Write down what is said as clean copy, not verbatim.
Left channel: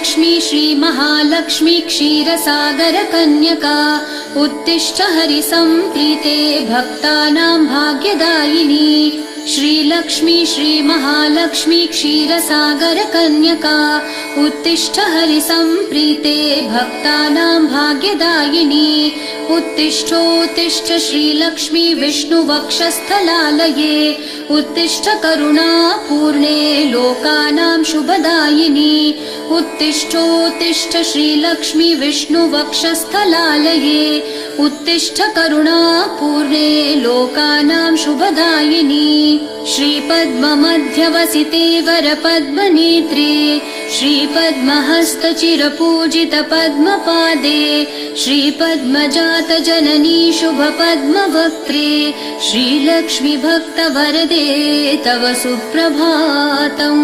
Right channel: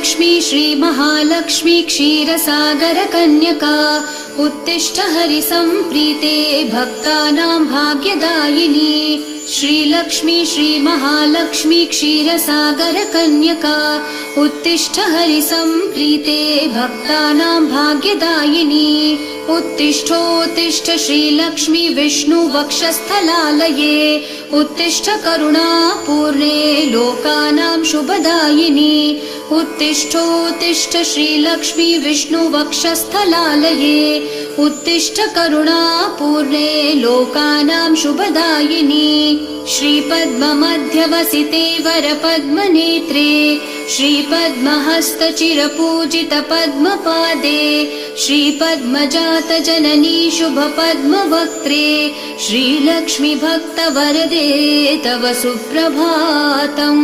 श्रीलक्ष्मी श्रीमहालक्ष्मी क्षीरसागरकन्यका उत्तिष्ठ हरिसम्प्रीते भक्तानां भाग्यदायिनी। श्रीलक्ष्मी श्रीमहालक्ष्मी क्षीरसागरकन्यका उत्तिष्ठ हरिसम्प्रीते भक्तानां भाग्यदायिनी। उत्तिष्ठोत्तिष्ठ श्रीलक्ष्मी विष्णुवक्षस्थलालये उत्तिष्ठ करुणापूर्णे लोकानां शुभदायिनी। उत्तिष्ठोत्तिष्ठ श्रीलक्ष्मी विष्णुवक्षस्थलालये उत्तिष्ठ करुणापूर्णे लोकानां शुभदायिनी। श्रीपद्ममध्यवसिते वरपद्मनेत्रे श्रीपद्महस्तचिरपूजित पद्मपादे श्रीपद्मजातजननी शुभपद्मवक्त्रे श्रीलक्ष्मी भक्तवरदे तव सुप्रभातम्।